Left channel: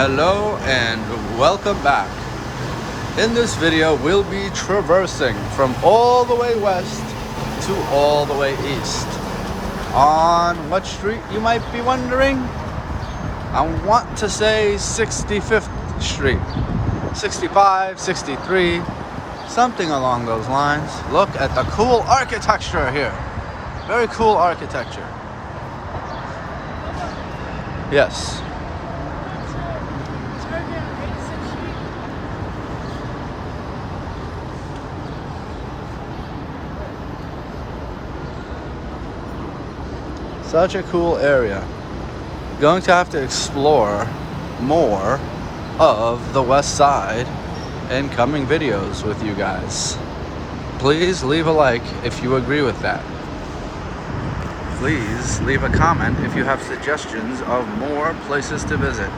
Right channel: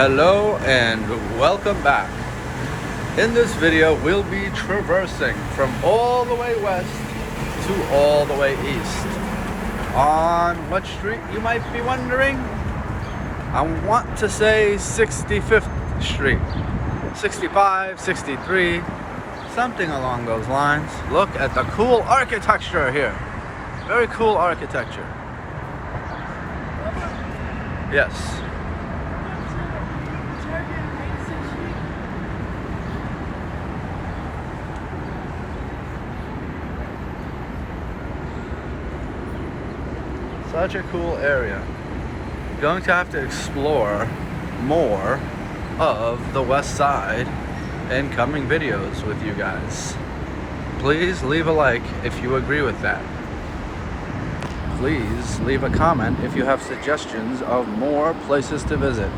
Hello and welcome back. In this video, we'll be traversing from all the way west to all the way east. On what street, you might be wondering? I want to say 65th Street. 65, 63, something along those lines. Look at the cool architecture here. Very cool architecture. Yes. Such a cool area. Going to have to explore more of the west side in coming videos with you guys. Please leave a like if you agree with that. Please leave a comment if you have suggestions of more places to visit.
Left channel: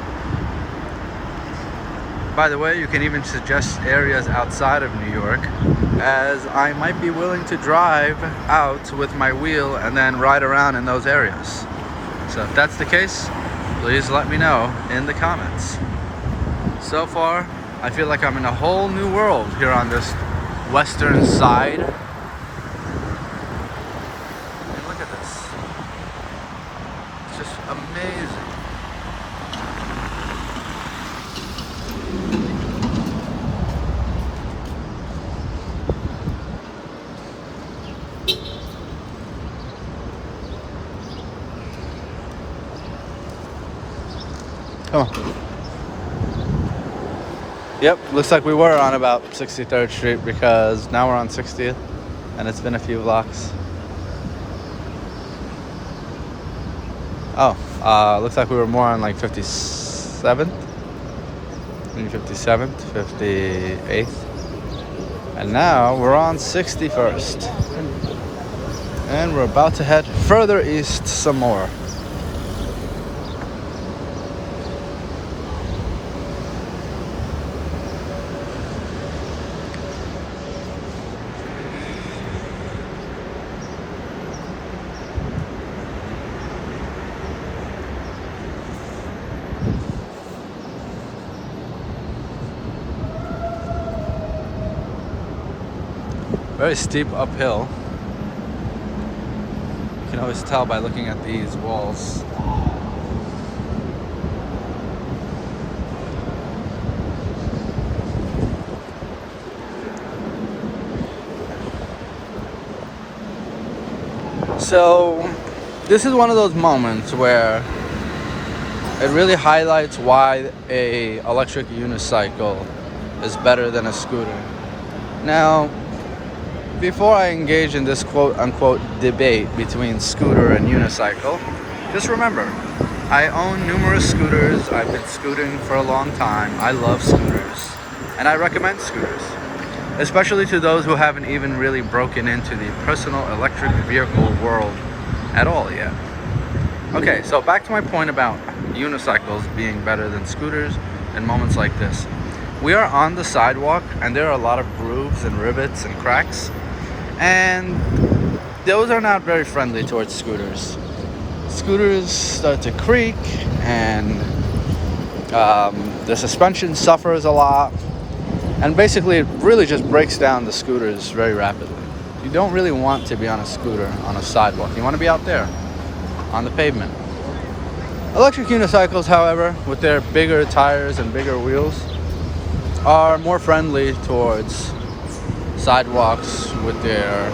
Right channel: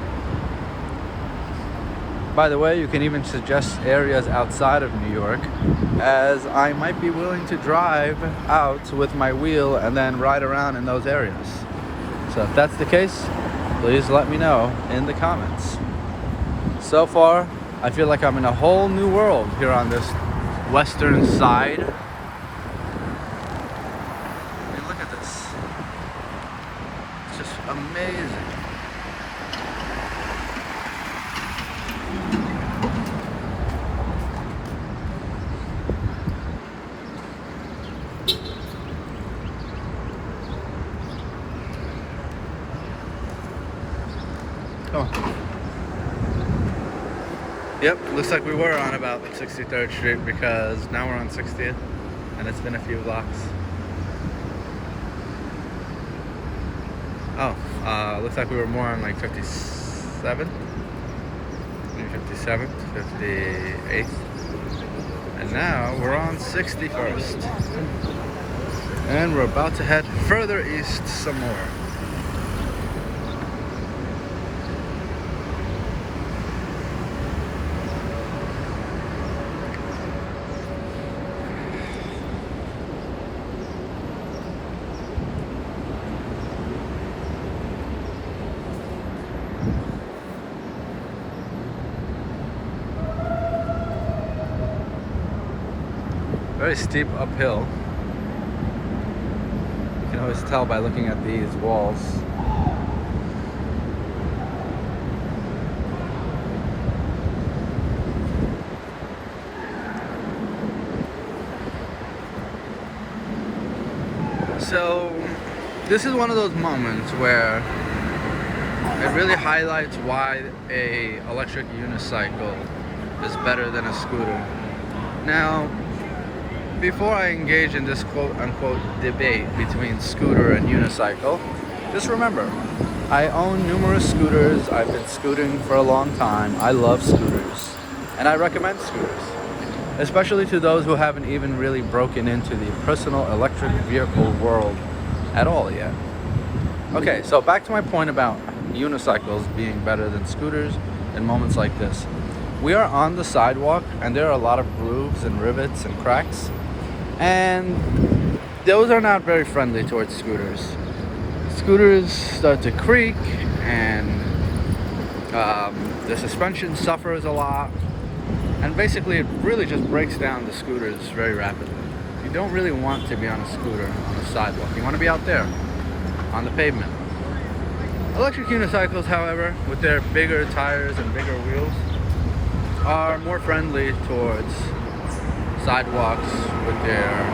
By the way, you can even suggest areas outside of New York, as I might be willing to drive out with my wheel and then ride around in those areas. So if that's the case, please let me know in the comments. So far, I feel like I'm in a whole new world here on this western side. I mean, look at this. It's just amazing. Oh. Yep, looks like we were on about 63rd Street because now we're on 60th and it's been a few blocks. Oh, looks like we were more on like 57th, 57th, 58th, and now we're on 61st. And we're about to head further east some more. Very steep uphill. You can always tell by looking at these walls. So this is one of those moments where it really highlights why a electric unicycle is better than a scooter. Now, before I engage in this quote-unquote debate between scooter and unicycle, just remember, I own numerous scooters. I've been scooting for a long time. I love scooters, and I recommend scooters, especially to those who haven't even really broken into the personal electric vehicle world at all yet. Okay, so back to my point about unicycles being better than scooters in moments like this. We are on the sidewalk, and there are a lot of grooves and rivets and cracks. And those are not very friendly towards scooters. Scooters start to creak, and the suspension suffers a lot. And basically, it really just breaks down the scooters very rapidly. You don't really want to be on a scooter on a sidewalk. You want to be out there on the pavement. Electric unicycles, however, with their bigger tires and bigger wheels, are more friendly towards sidewalks with their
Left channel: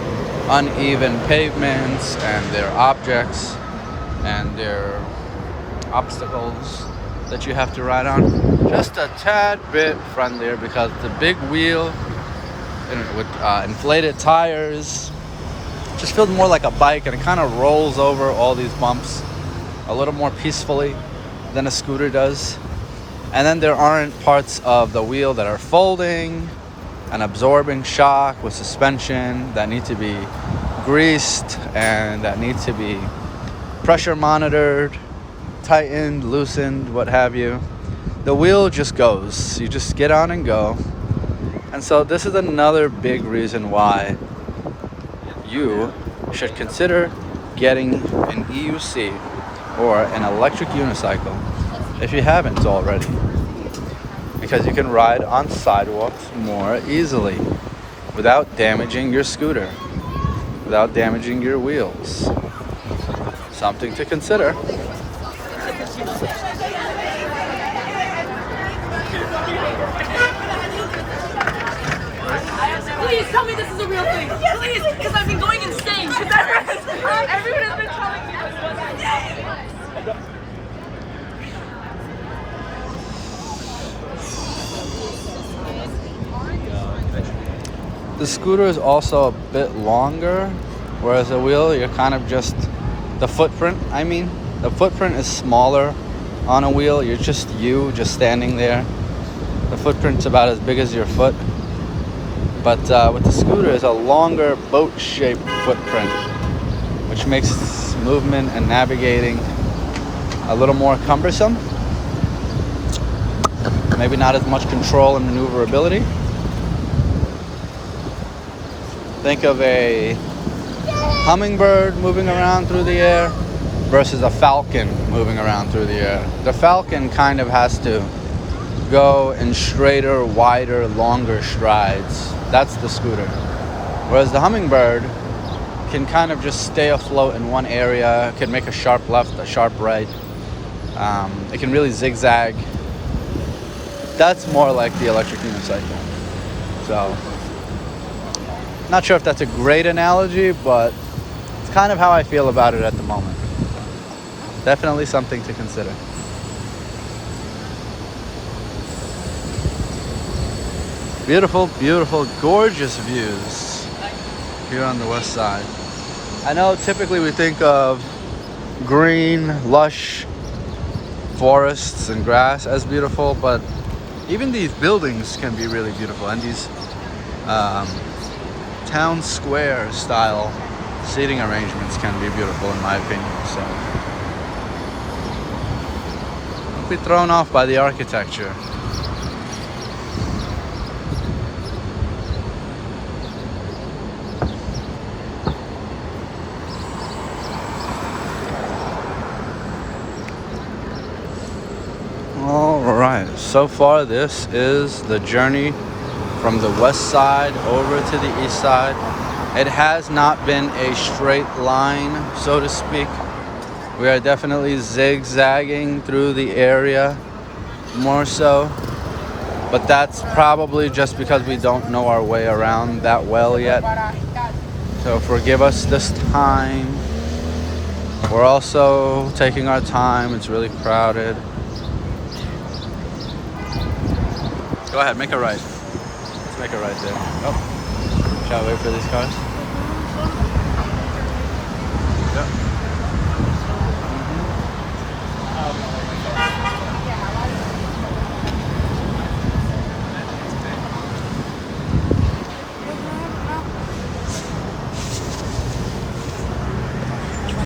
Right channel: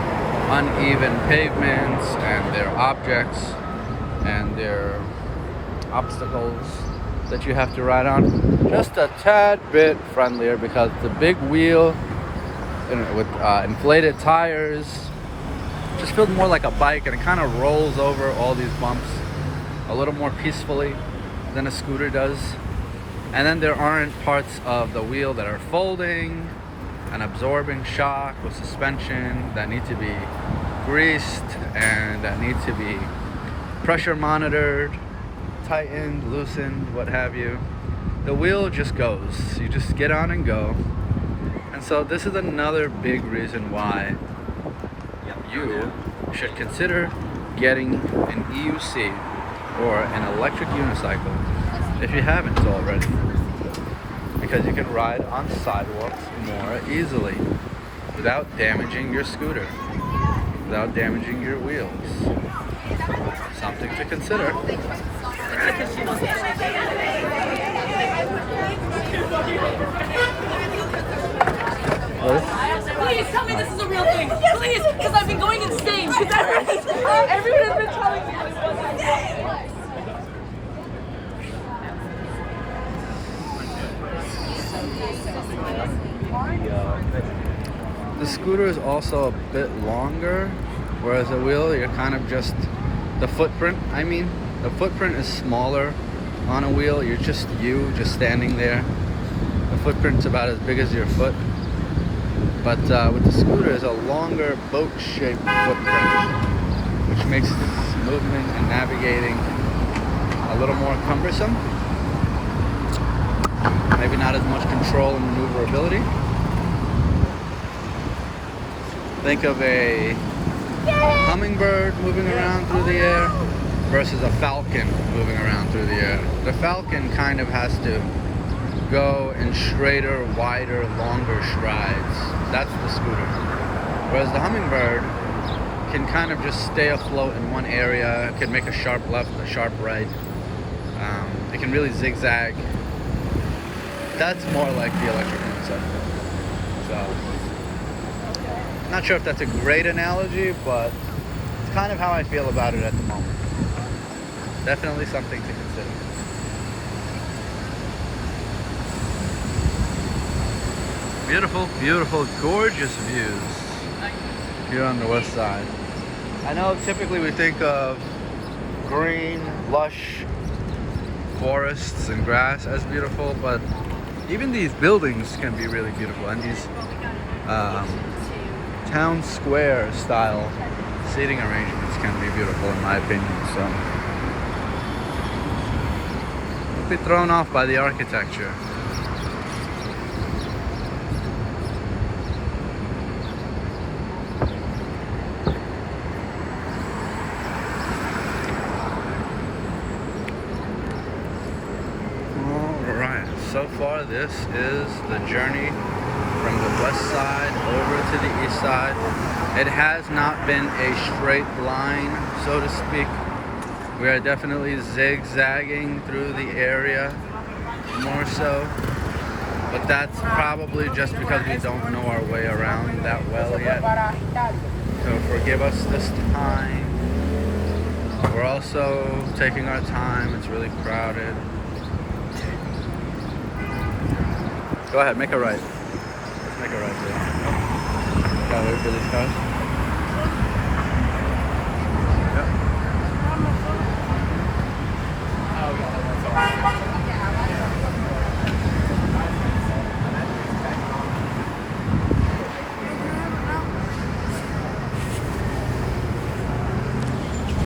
uneven pavements and their objects and their obstacles that you have to ride on. Just a tad bit friendlier because the big wheel with inflated tires just feels more like a bike, and it kind of rolls over all these bumps a little more peacefully than a scooter does. And then there aren't parts of the wheel that are folding and absorbing shock with suspension that need to be greased and that need to be pressure monitored, tightened, loosened, what have you. The wheel just goes. You just get on and go. And so this is another big reason why you should consider getting an EUC or an electric unicycle if you haven't already, because you can ride on sidewalks more easily without damaging your scooter, without damaging your wheels. Something to consider. Please tell me this is a real thing. Please, because I've been going insane. Everyone has been telling me. The scooter is also a bit longer, whereas a wheel, you're kind of just, the footprint is smaller on a wheel. You're just standing there. The footprint's about as big as your foot. But with the scooter, it's a longer boat-shaped footprint, which makes movement and navigating a little more cumbersome. Maybe not as much control and maneuverability. Think of a hummingbird moving around through the air versus a falcon moving around through the air. The falcon kind of has to go in straighter, wider, longer strides. That's the scooter. Whereas the hummingbird can kind of just stay afloat in one area. It can make a sharp left, a sharp right. It can really zigzag. That's more like the electric unicycle. So, not sure if that's a great analogy, but it's kind of how I feel about it at the moment. Definitely something to consider. Beautiful, beautiful, gorgeous views here on the west side. I know typically we think of green, lush forests and grass as beautiful, but even these buildings can be really beautiful, and these town square style seating arrangements can be beautiful in my opinion. So don't be thrown off by the architecture. Alright, so far this is the journey from the west side over to the east side. It has not been a straight line, so to speak. We are definitely zigzagging through the area more so, but that's probably just because we don't know our way around that well yet. So forgive us this time. We're also taking our time. It's really crowded. Go ahead, make a right. Let's make a right there. Oh, gotta wait for these cars.